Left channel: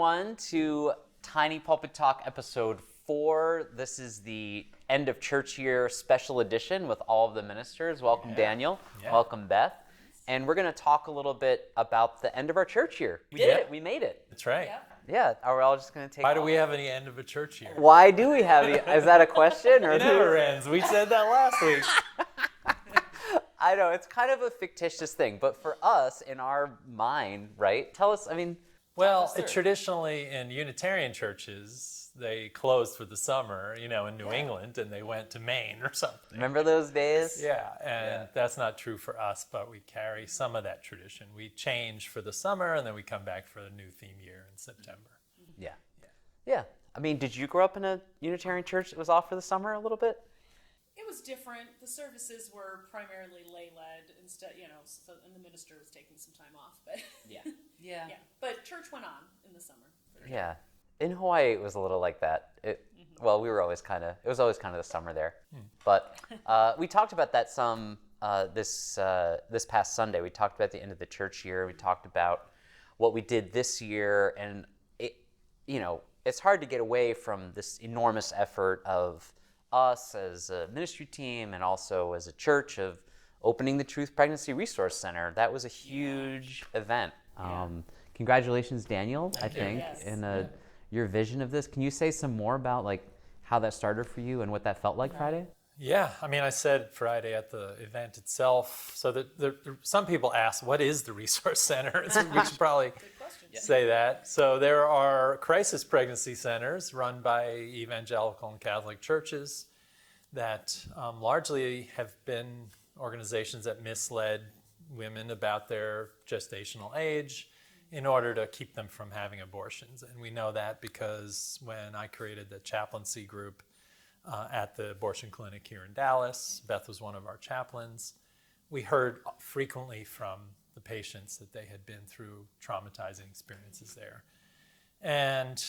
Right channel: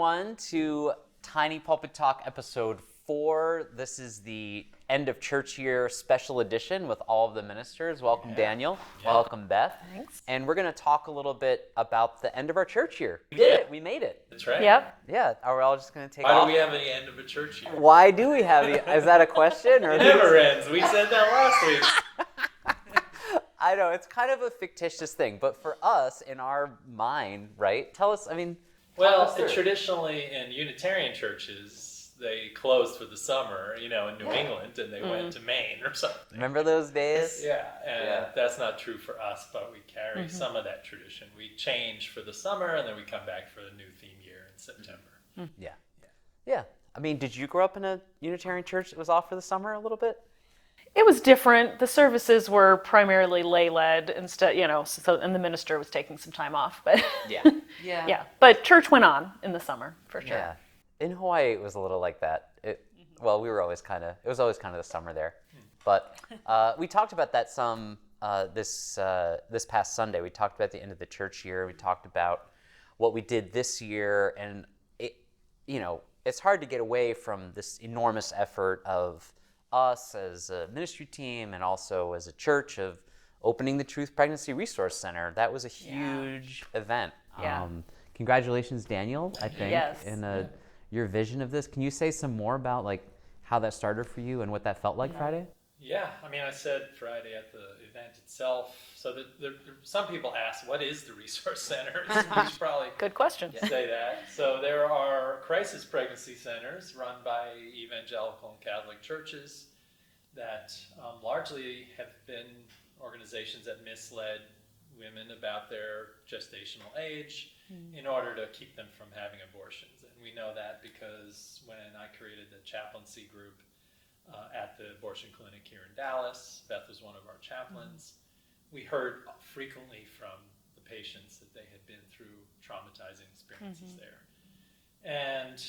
everyone, to Tiny Pulpit Talk episode 4. This is the end of church year special edition with all of the ministers. Welcome, Daniel. Yeah. Welcome, Beth. Thanks. And we're going to talk a little bit about the end of our church year. We did it. We made it. That's right. Yep. Yeah. Are we all just going to take Why off? do we have any end of a church year? Why do we have it? Is that a question? Or It never ends. We said that last week. I know, it's kind of a fictitious thing, but for us, in our mind, right? Tell us, Well, traditionally in Unitarian churches, they closed for the summer, in New England, and they went to Maine or something. Remember those days? Yeah, and that's not true for us, but we carry some of that tradition. We change for the summer, and then we come back for the new theme year in September. Yeah. Did you grow up in a Unitarian church that was off for the summer a little bit? It was different. The services were primarily lay-led instead, and the minister was taking some time off. But yeah. But church went on in the summer for sure. Yeah. In Hawaii, it was a little like that. Well, it was always kind of the summer there. But we talked about that some this past Sunday. We talked about the end of the church year. We talked about what we did this year, and it's hard to get away from this enormous effort of us as a ministry team and also as a church of opening the Truth Pregnancy Resource Center. That was a huge event. Yeah. Congratulations, Daniel, I think, Yes. in your vision of this. Can you say some more about how that started for you and what that felt like Friday? Yeah, I said Friday at the event itself. So some people ask, what is the Resource Center? We should probably Good question. say that. So there are crisis pregnancy centers run by evangelical and Catholic churches that largely have been organizations that misled women about their gestational age in order to keep them from having abortions. And we know that because when I created the chaplaincy group at the abortion clinic here in Dallas, Beth was one of our chaplains. We heard frequently from the patients that they had been through traumatizing experiences there. And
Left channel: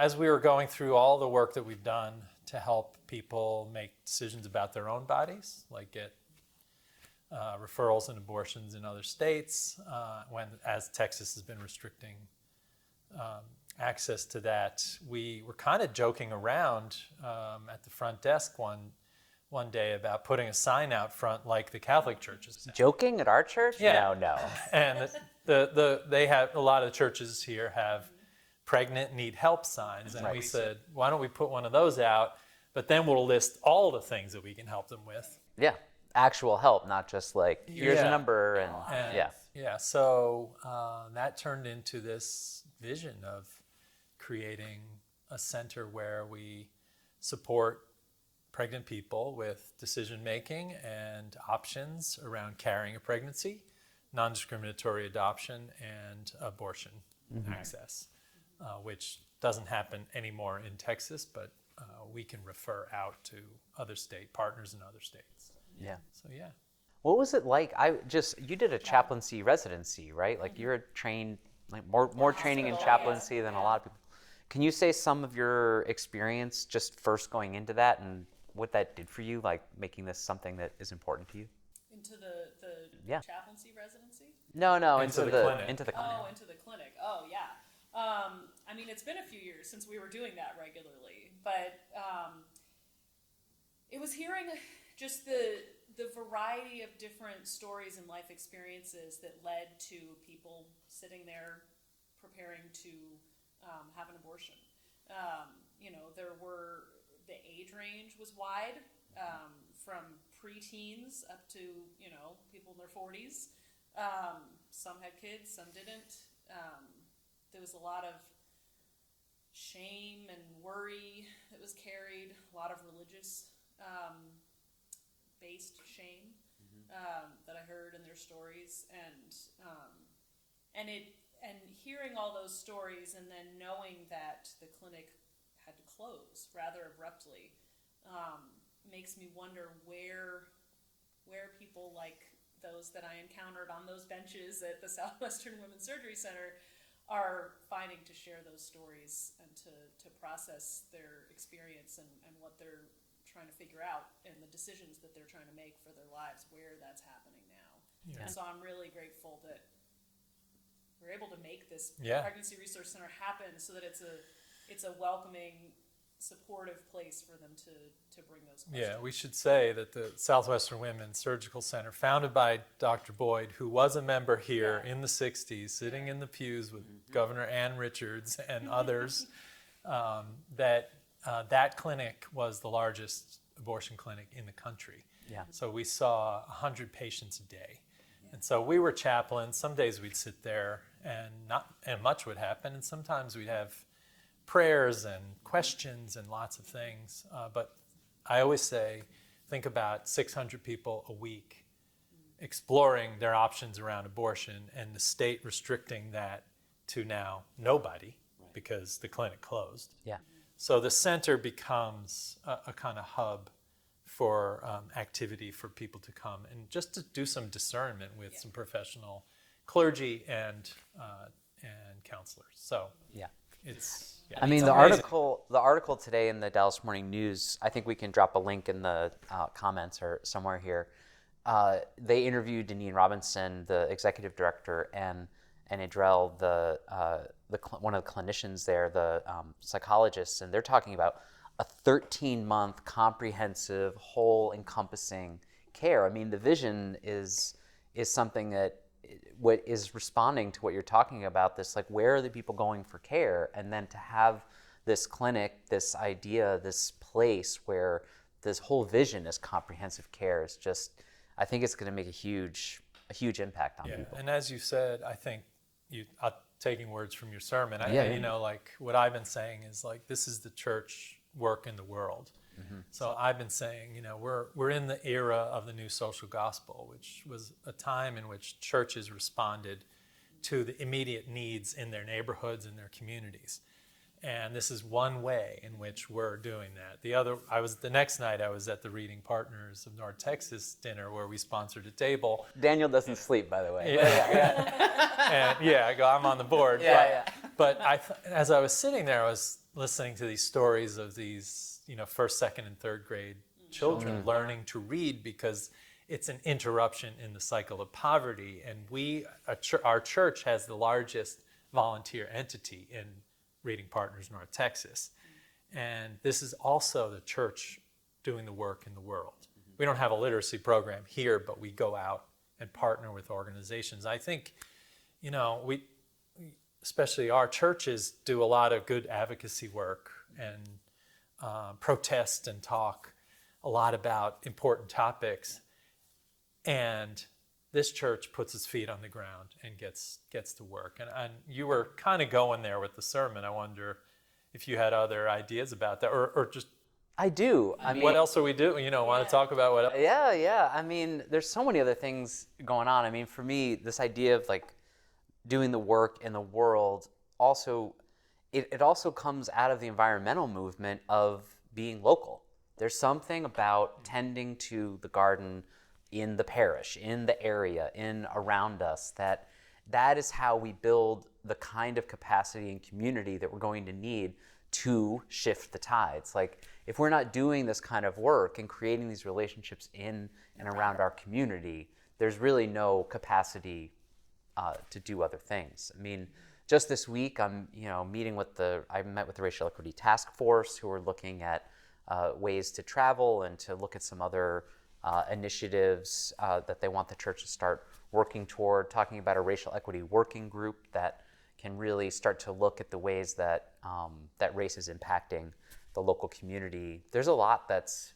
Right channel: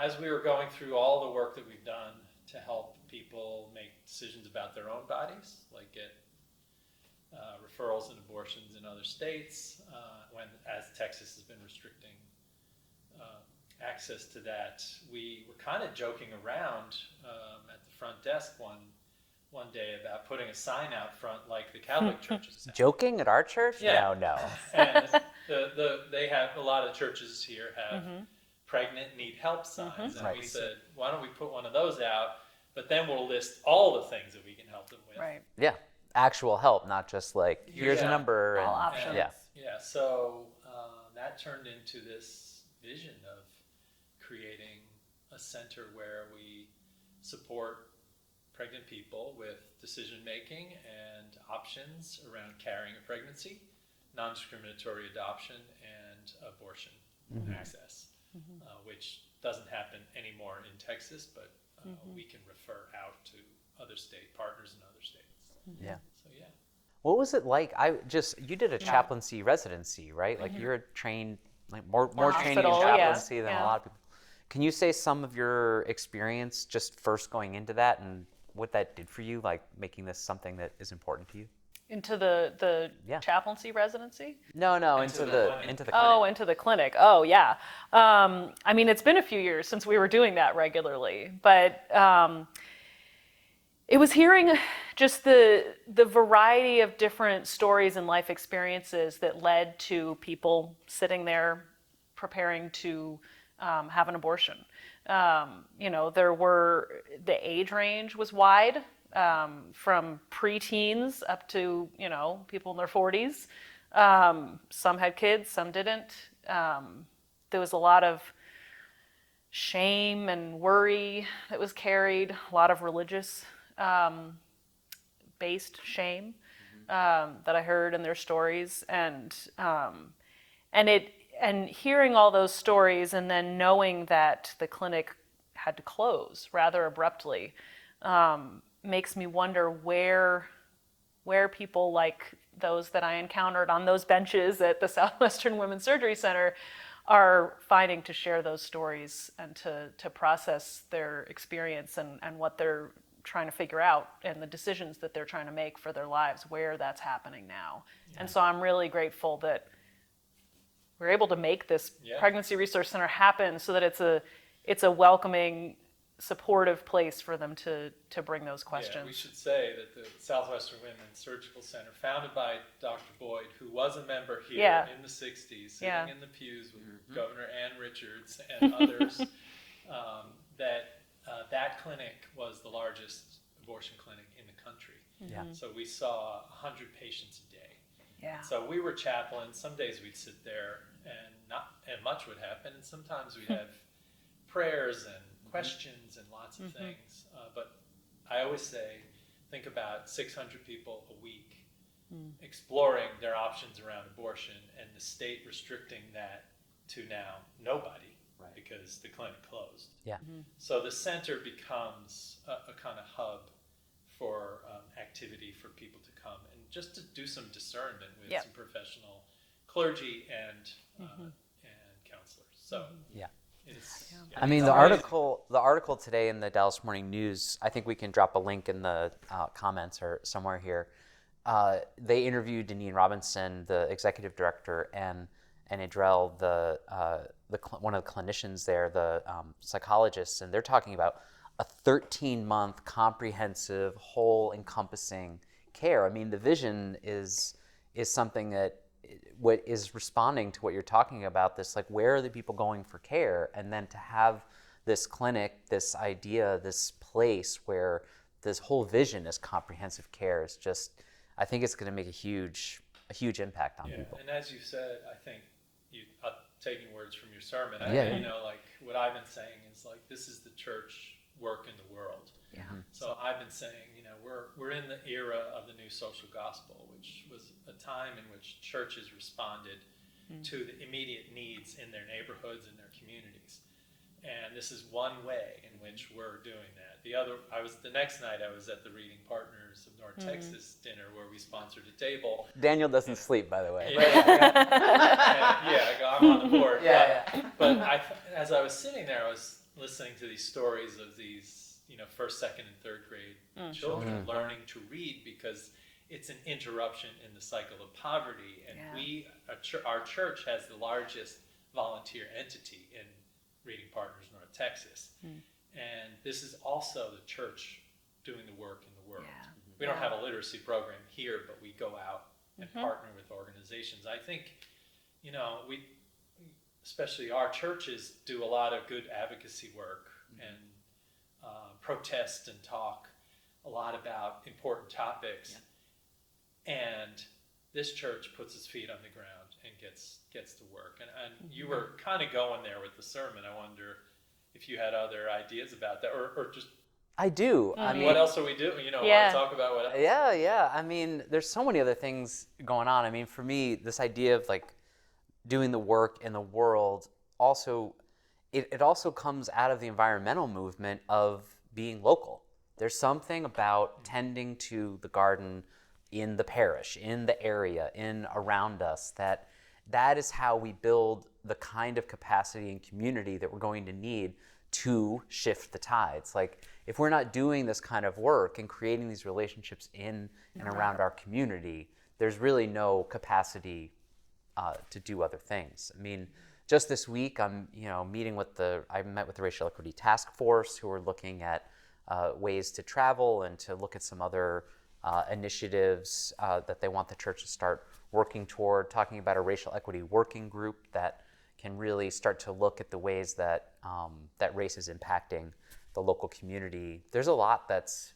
as we were going through all the work that we've done to help people make decisions about their own bodies, like get referrals and abortions in other states, as Texas has been restricting access to that, we were kind of joking around at the front desk one day about putting a sign out front like the Catholic churches have. Joking at our church? Yeah. No. And they have a lot of churches here have pregnant need help signs, and we said, why don't we put one of those out? But then we'll list all the things that we can help them with. Right. Yeah, actual help, not just here's a number and options. Yeah. So that turned into this vision of creating a center where we support pregnant people with decision making and options around carrying a pregnancy, non-discriminatory adoption, and abortion access, which doesn't happen anymore in Texas, but we can refer out to other state partners in other states. Yeah. So yeah. What was it like? You did a chaplaincy residency, right? You're trained, more training in chaplaincy than a lot of people. Can you say some of your experience just first going into that and what that did for you, making this something that is important to you? Into the chaplaincy residency? No, into the clinic. Oh, into the clinic. Oh, yeah. It's been a few years since we were doing that regularly, but it was hearing just the variety of different stories and life experiences that led to people sitting there preparing to have an abortion. The age range was wide, from preteens up to, people in their 40s. Some had kids, some didn't. There was a lot of shame and worry that was carried, a lot of religious based shame that I heard in their stories, and hearing all those stories and then knowing that the clinic had to close rather abruptly makes me wonder where people like those that I encountered on those benches at the Southwestern Women's Surgery Center are finding to share those stories and to process their experience and what they're trying to figure out and the decisions that they're trying to make for their lives, where that's happening now. Yeah. And so I'm really grateful that we're able to make this Yeah. pregnancy resource center happen so that it's a welcoming, supportive place for them to bring those questions. Yeah, we should say that the Southwestern Women's Surgical Center, founded by Dr. Boyd, who was a member here in the 60s, sitting in the pews with Governor Ann Richards and others, that clinic was the largest abortion clinic in the country. Yeah. So we saw 100 patients a day. Yeah. And so we were chaplains. Some days we'd sit there and much would happen, and sometimes we'd have prayers and questions and lots of things. But I always say, think about 600 people a week exploring their options around abortion, and the state restricting that to now nobody because the clinic closed. Yeah. So the center becomes a kind of hub for activity for people to come and just to do some discernment with some professional clergy and counselors. So Yeah. it's. I mean, the article today in the Dallas Morning News, I think we can drop a link in the comments or somewhere here. They interviewed Deneen Robinson, the executive director, and Adrell, one of the clinicians there, the psychologists, and they're talking about a 13-month comprehensive, whole, encompassing care. I mean, the vision is something that what is responding to what you're talking about, this, like, where are the people going for care? And then to have this clinic, this idea, this place where this whole vision is comprehensive care is just, I think it's going to make a huge impact on people. And as you said, I think taking words from your sermon, you know, like what I've been saying is like, this is the church work in the world. So I've been saying, you know, we're in the era of the new social gospel, which was a time in which churches responded to the immediate needs in their neighborhoods and their communities. And this is one way in which we're doing that. The next night I was at the Reading Partners of North Texas dinner where we sponsored a table. Daniel doesn't sleep, by the way. I'm on the board. Yeah. But as I was sitting there, I was listening to these stories of these, you know, first, second, and third grade children learning to read because it's an interruption in the cycle of poverty. And our church has the largest volunteer entity in Reading Partners North Texas. And this is also the church doing the work in the world. We don't have a literacy program here, but we go out and partner with organizations. I think, you know, we especially our churches do a lot of good advocacy work and protest and talk a lot about important topics. And this church puts its feet on the ground and gets to work. And you were kind of going there with the sermon. I wonder if you had other ideas about that, or just. I do. I mean, what else are we doing? You know, want to talk about what else? Yeah. I mean, there's so many other things going on. I mean, for me, this idea of like doing the work in the world also, it also comes out of the environmental movement of being local. There's something about tending to the garden in the parish, in the area, around us, that is how we build the kind of capacity and community that we're going to need to shift the tides. Like, if we're not doing this kind of work and creating these relationships in and around our community, there's really no capacity to do other things. I mean, just this week, I met with the Racial Equity Task Force, who are looking at ways to travel and to look at some other initiatives that they want the church to start working toward, talking about a racial equity working group that can really start to look at the ways that that race is impacting the local community. There's a lot that's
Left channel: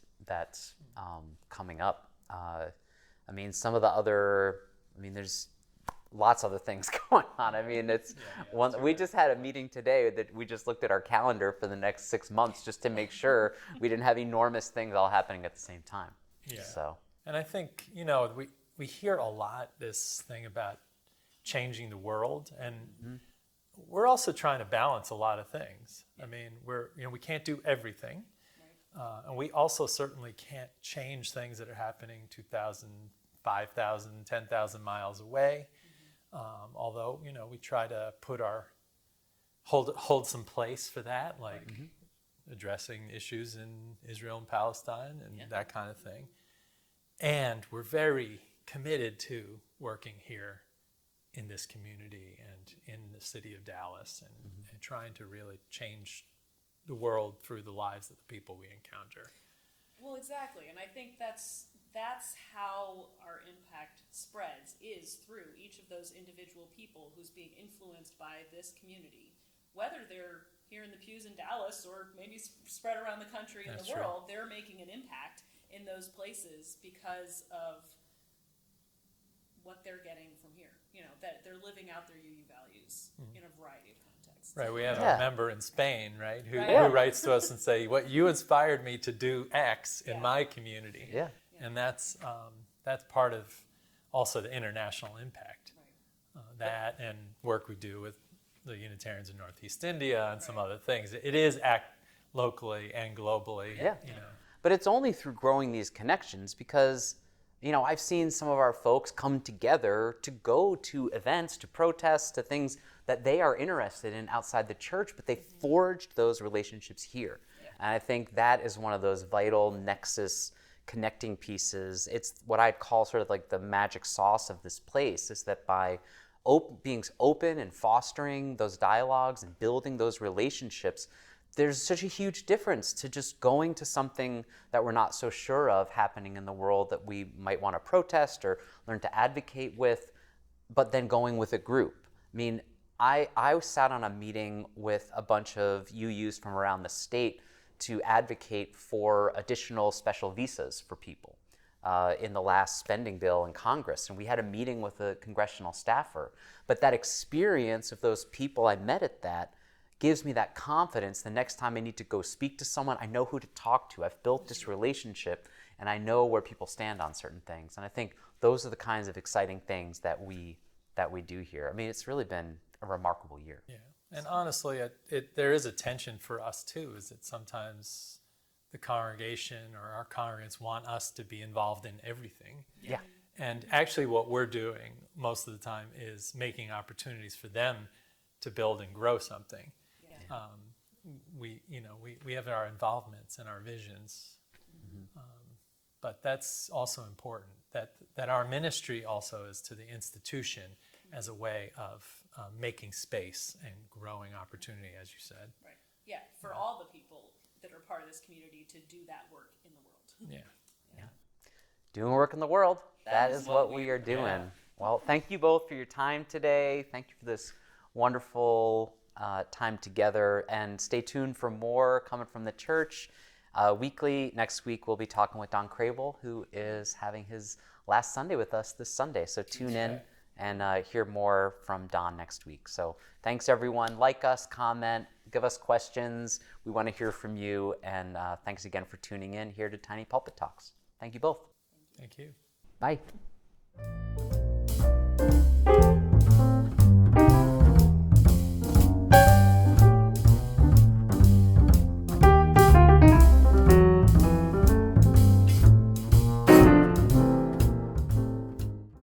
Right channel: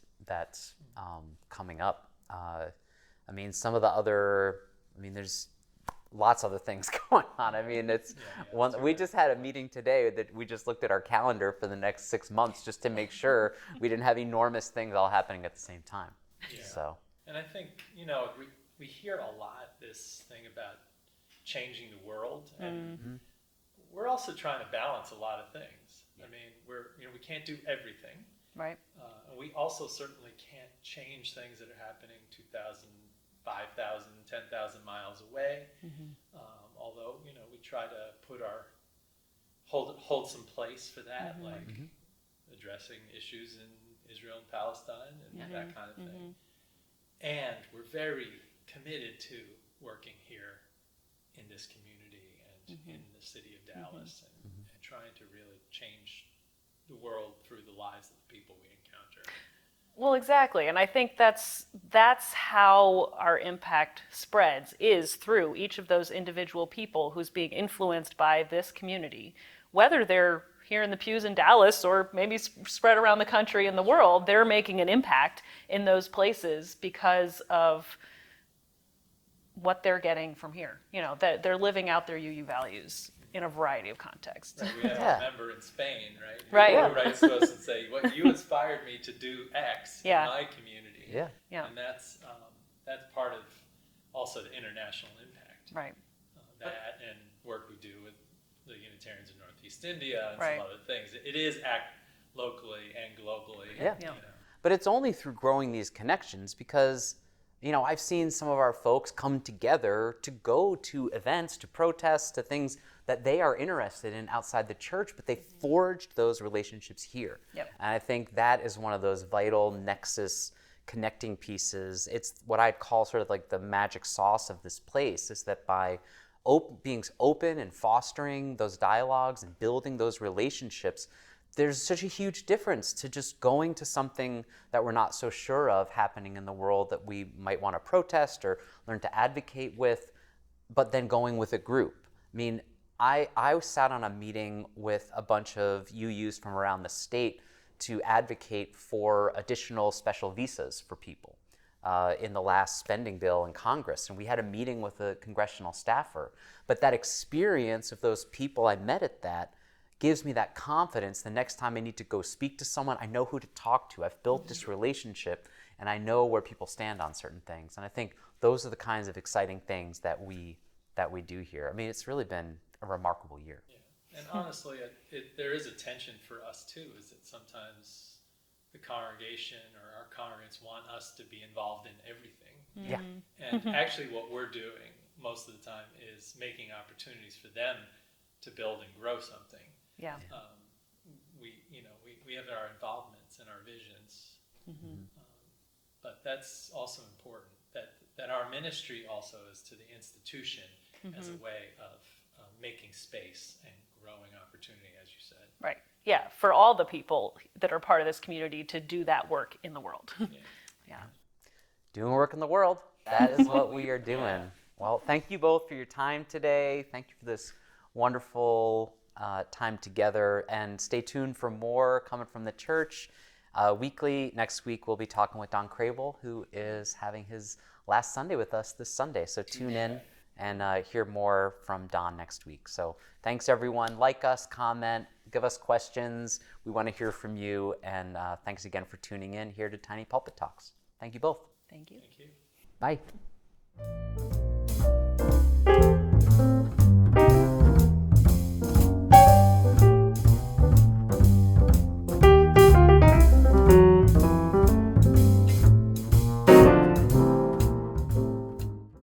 coming up. I mean, there's lots of other things going on. I mean, we just had a meeting today that we just looked at our calendar for the next 6 months just to make sure we didn't have enormous things all happening at the same time. Yeah. So. And I think, you know, we hear a lot this thing about changing the world, and we're also trying to balance a lot of things. I mean, we can't do everything. Right. And we also certainly can't change things that are happening 2,000, 5,000, 10,000 miles away. Although, you know, we try to hold some place for that, like addressing issues in Israel and Palestine and that kind of thing. And we're very committed to working here in this community and in the city of Dallas, and trying to really change the world through the lives of the people we encounter. Well, exactly, and I think that's how our impact spreads, is through each of those individual people who's being influenced by this community, whether they're here in the pews in Dallas or maybe spread around the country and the world. They're making an impact in those places because of what they're getting from here. You know, that they're living out their UU values in a variety of contexts. Right, we have a member in Spain, right, who writes to us and say, "What you inspired me to do X in my community." Yeah. And that's part of also the international impact. Right. That and work we do with the Unitarians in Northeast India and Right. some other things. It is act locally and globally. Yeah. You know. But it's only through growing these connections because, you know, I've seen some of our folks come together to go to events, to protests, to things that they are interested in outside the church, but they forged those relationships here. Yep. And I think that is one of those vital nexus connecting pieces. It's what I'd call sort of like the magic sauce of this place, is that by being open and fostering those dialogues and building those relationships, there's such a huge difference to just going to something that we're not so sure of happening in the world that we might want to protest or learn to advocate with, but then going with a group. I mean, I sat on a meeting with a bunch of UUs from around the state to advocate for additional special visas for people in the last spending bill in Congress. And we had a meeting with a congressional staffer. But that experience of those people I met at that gives me that confidence the next time I need to go speak to someone, I know who to talk to. I've built this relationship and I know where people stand on certain things. And I think those are the kinds of exciting things that we do here. I mean, it's really been a remarkable year. Yeah. And honestly, there is a tension for us too, is that sometimes the congregation or our congregants want us to be involved in everything. Yeah. And actually what we're doing most of the time is making opportunities for them to build and grow something. Yeah. We have our involvements and our visions, but that's also important, that our ministry also is to the institution as a way of making space and growing opportunity, as you said. Right. Yeah, for all the people that are part of this community to do that work in the world. Yeah. Doing work in the world. That is what we are doing. Well, thank you both for your time today. Thank you for this wonderful time together. And stay tuned for more coming from the church. Weekly, next week, we'll be talking with Don Crable, who is having his last Sunday with us this Sunday. So tune in and hear more from Don next week. So thanks, everyone. Like us, comment, give us questions. We want to hear from you. And thanks again for tuning in here to Tiny Pulpit Talks. Thank you both. Thank you. Thank you. Bye.